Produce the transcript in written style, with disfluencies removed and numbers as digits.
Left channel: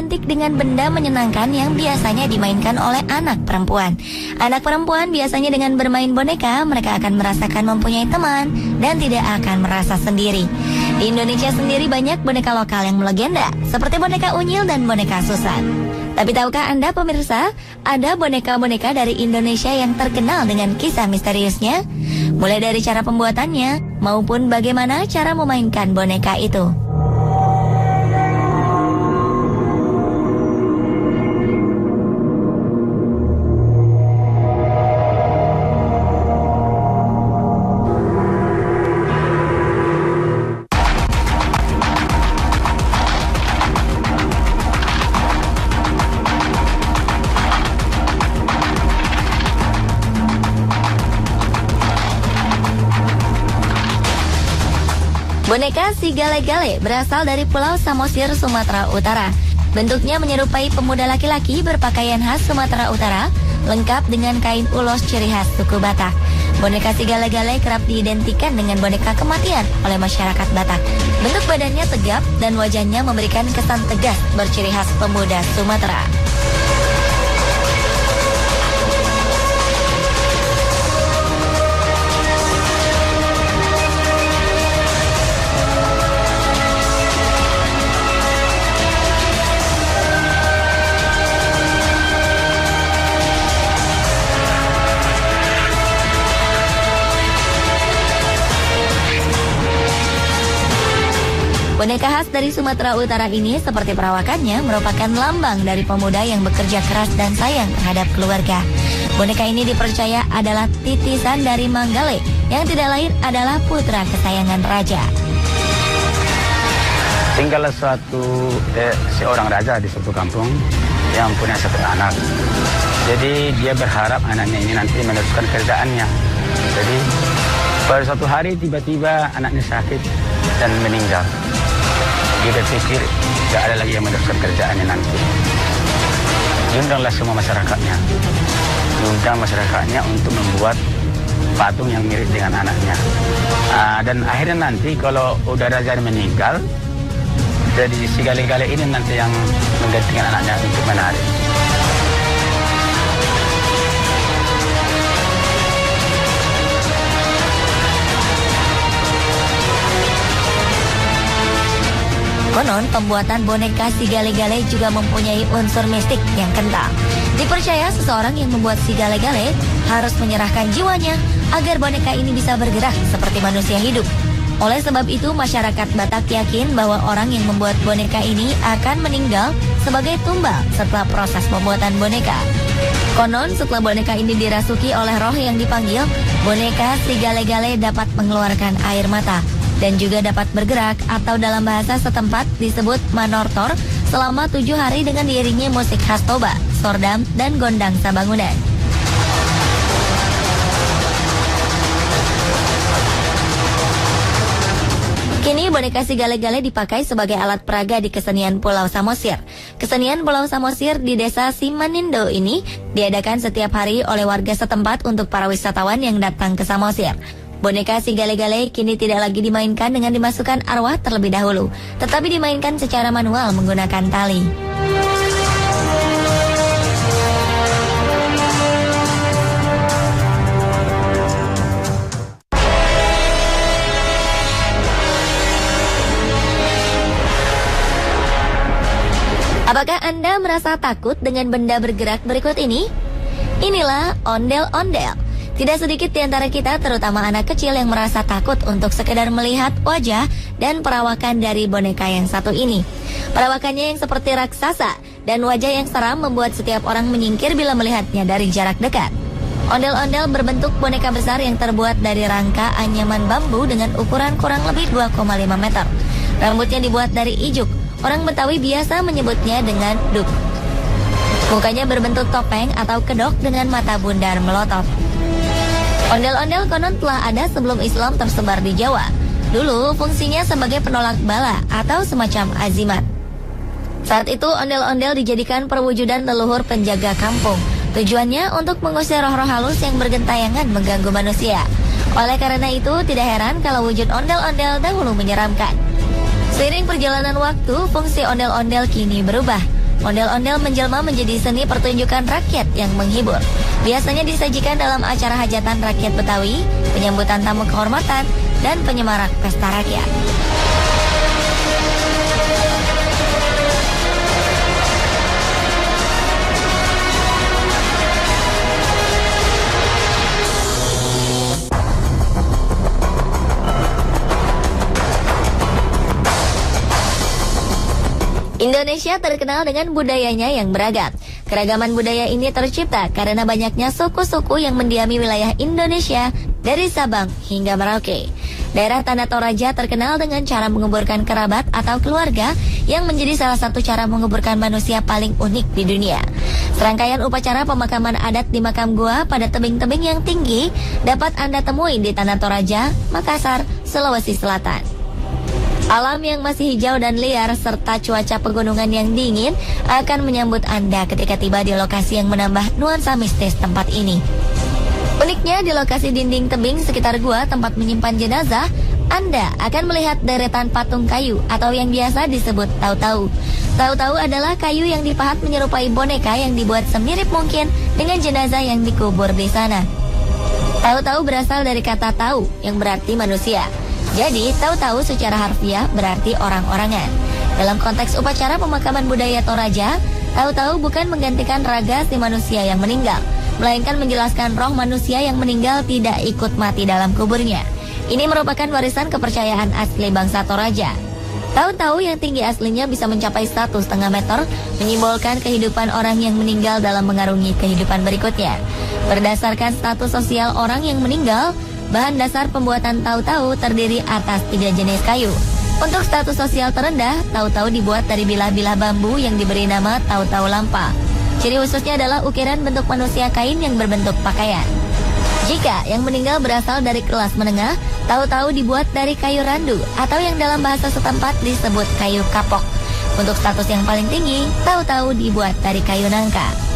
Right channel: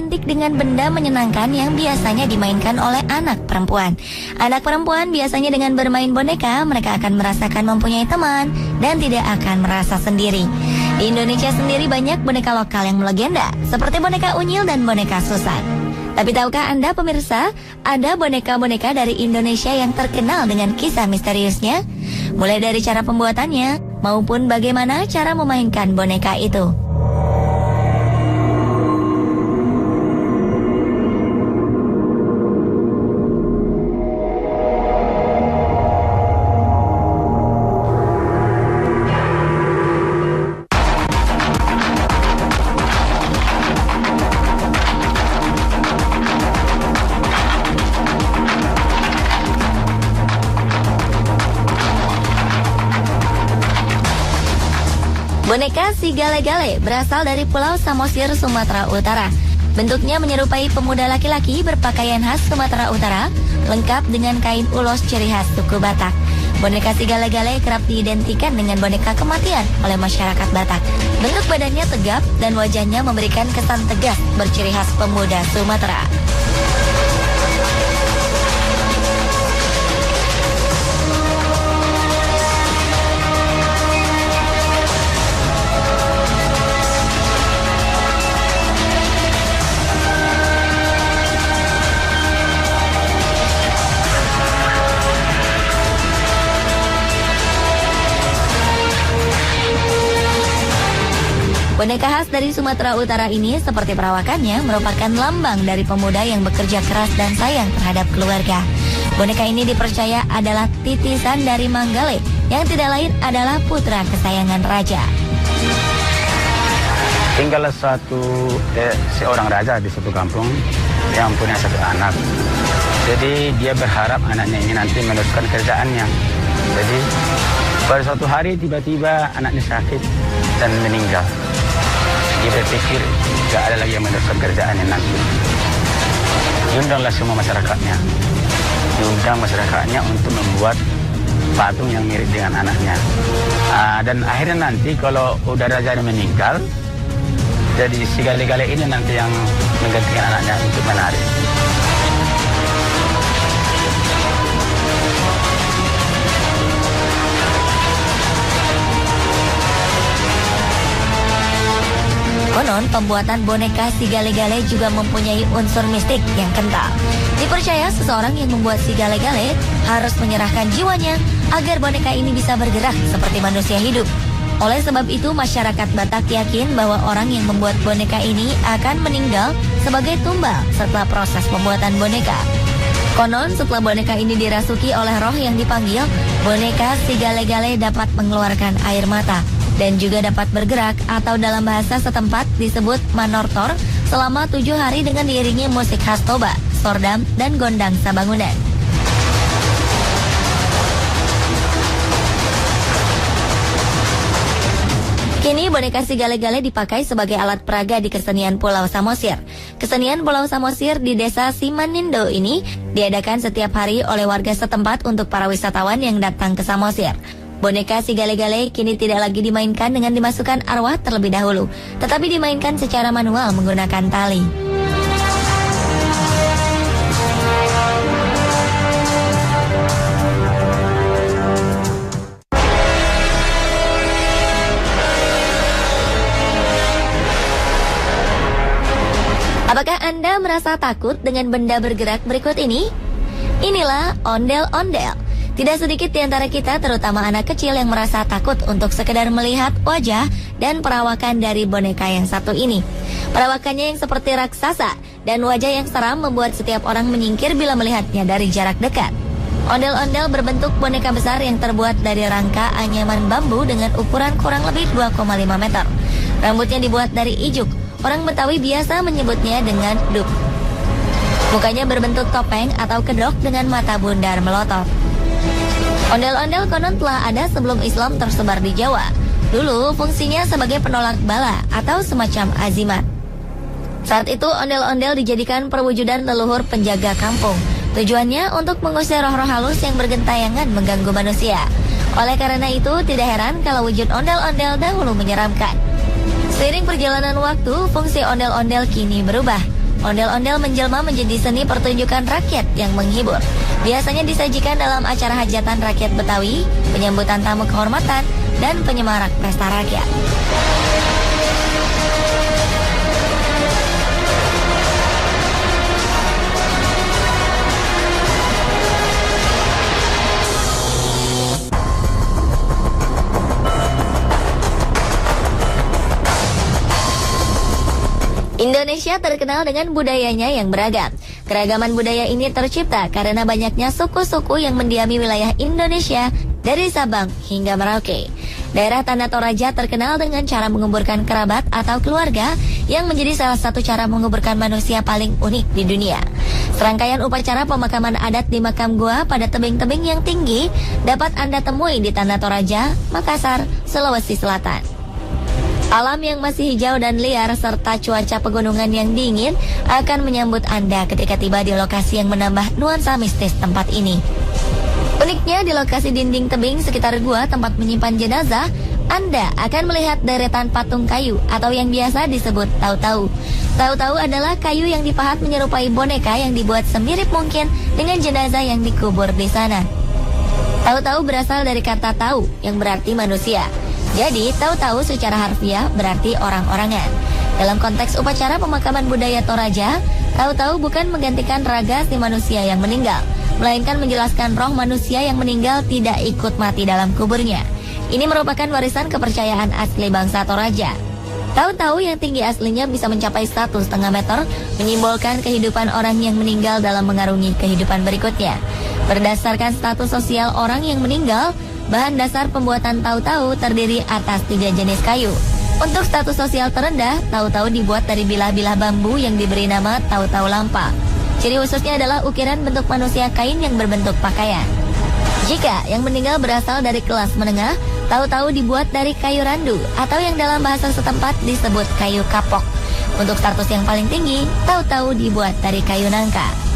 identik dengan benda menyenangkan yang biasanya dimainkan oleh anak perempuan. Anak perempuan biasanya dengan bermain boneka, mereka akan merasakan mempunyai teman dan tidak akan merasa sendiri. Di Indonesia sendiri banyak boneka lokal yang melegenda, seperti boneka Unyil dan boneka Susan. Tapi tahukah Anda pemirsa, ada boneka-boneka dari Indonesia yang terkenal dengan kisah misteriusnya? Mulai dari cara pembuatannya, maupun bagaimana cara memainkan boneka itu. Boneka si Gale-Gale berasal dari Pulau Samosir, Sumatera Utara. Bentuknya menyerupai pemuda laki-laki berpakaian khas Sumatera Utara, lengkap dengan kain ulos ciri khas suku Batak. Boneka si Gale-Gale kerap diidentikan dengan boneka kematian oleh masyarakat Batak. Bentuk badannya tegap dan wajahnya memberikan kesan tegas berciri khas pemuda Sumatera. Boneka khas dari Sumatera Utara ini seperti perawakannya merupakan lambang dari pemuda yang bekerja keras dan sayang terhadap keluarga. Boneka ini dipercaya adalah titisan dari Manggale yang tidak lain adalah putra kesayangan raja. Tinggal seorang raja di suatu kampung yang punya satu anak. Jadi dia berharap anaknya ini nanti meneruskan kerjaannya. Jadi pada suatu hari tiba-tiba anaknya sakit dan meninggal. Dia berpikir tidak ada lagi yang meneruskan kerjaannya nanti. Diundanglah semua masyarakatnya. Diundang masyarakatnya untuk membuat patung yang mirip dengan anaknya. Dan akhirnya nanti kalau udah raja meninggal, jadi si Gale-Gale ini nanti yang menggantikan anaknya untuk menari. Konon, pembuatan boneka si Gale-Gale juga mempunyai unsur mistik yang kental. Dipercaya seseorang yang membuat si Gale-Gale harus menyerahkan jiwanya agar boneka ini bisa bergerak seperti manusia hidup. Oleh sebab itu, masyarakat Batak yakin bahwa orang yang membuat boneka ini akan meninggal sebagai tumbal setelah proses pembuatan boneka. Konon, setelah boneka ini dirasuki oleh roh yang dipanggil, boneka si Gale-Gale dapat mengeluarkan air mata dan juga dapat bergerak atau dalam bahasa setempat disebut manortor selama 7 hari dengan diiringi musik khas Toba, sordam, dan gondang sabangunan. Kini boneka si Gale-Gale dipakai sebagai alat peraga di kesenian Pulau Samosir. Kesenian Pulau Samosir di desa Simanindo ini diadakan setiap hari oleh warga setempat untuk para wisatawan yang datang ke Samosir. Boneka si Gale-Gale kini tidak lagi dimainkan dengan dimasukkan arwah terlebih dahulu, tetapi dimainkan secara manual menggunakan tali. Apakah Anda merasa takut dengan benda bergerak berikut ini? Inilah ondel-ondel. Tidak sedikit di antara kita, terutama anak kecil, yang merasa takut untuk sekedar melihat wajah dan perawakan dari boneka yang satu ini. Perawakannya yang seperti raksasa dan wajah yang seram membuat setiap orang menyingkir bila melihatnya dari jarak dekat. Ondel-ondel berbentuk boneka besar yang terbuat dari rangka anyaman bambu dengan ukuran kurang lebih 2,5 meter. Rambutnya dibuat dari ijuk. Orang Betawi biasa menyebutnya dengan duk. Mukanya berbentuk topeng atau kedok dengan mata bundar melotot. Ondel-ondel konon telah ada sebelum Islam tersebar di Jawa. Dulu fungsinya sebagai penolak bala atau semacam azimat. Saat itu ondel-ondel dijadikan perwujudan leluhur penjaga kampung. Tujuannya untuk mengusir roh-roh halus yang bergentayangan mengganggu manusia. Oleh karena itu tidak heran kalau wujud ondel-ondel dahulu menyeramkan. Seiring perjalanan waktu, fungsi ondel-ondel kini berubah. Ondel-ondel menjelma menjadi seni pertunjukan rakyat yang menghibur. Biasanya disajikan dalam acara hajatan rakyat Betawi, penyambutan tamu kehormatan, dan penyemarak pesta rakyat. Indonesia terkenal dengan budayanya yang beragam. Keragaman budaya ini tercipta karena banyaknya suku-suku yang mendiami wilayah Indonesia dari Sabang hingga Merauke. Daerah Tanah Toraja terkenal dengan cara menguburkan kerabat atau keluarga yang menjadi salah satu cara menguburkan manusia paling unik di dunia. Serangkaian upacara pemakaman adat di makam gua pada tebing-tebing yang tinggi dapat Anda temui di Tanah Toraja, Makassar, Sulawesi Selatan. Alam yang masih hijau dan liar serta cuaca pegunungan yang dingin akan menyambut Anda ketika tiba di lokasi yang menambah nuansa mistis tempat ini. Uniknya di lokasi dinding tebing sekitar gua tempat menyimpan jenazah, Anda akan melihat deretan patung kayu atau yang biasa disebut tau-tau. Tau-tau adalah kayu yang dipahat menyerupai boneka yang dibuat semirip mungkin dengan jenazah yang dikubur di sana. Tau-tau berasal dari kata tau yang berarti manusia. Jadi, tahu-tahu secara harfiah berarti orang-orangan. Dalam konteks upacara pemakaman budaya Toraja, tahu-tahu bukan menggantikan raga si manusia yang meninggal, melainkan menjelaskan roh manusia yang meninggal tidak ikut mati dalam kuburnya. Ini merupakan warisan kepercayaan asli bangsa Toraja. Tahu-tahu yang tinggi aslinya bisa mencapai 1,5 meter, menyimbolkan kehidupan orang yang meninggal dalam mengarungi kehidupan berikutnya. Berdasarkan status sosial orang yang meninggal, bahan dasar pembuatan tahu-tahu terdiri atas 3 jenis kayu. Untuk status sosial terendah, tahu-tahu dibuat dari bilah-bilah bambu yang diberi nama tahu-tahu lampa. Ciri khususnya adalah ukiran bentuk manusia kain yang berbentuk pakaian. Jika yang meninggal berasal dari kelas menengah, tahu-tahu dibuat dari kayu randu atau yang dalam bahasa setempat disebut kayu kapok. Untuk status yang paling tinggi, tahu-tahu dibuat dari kayu nangka.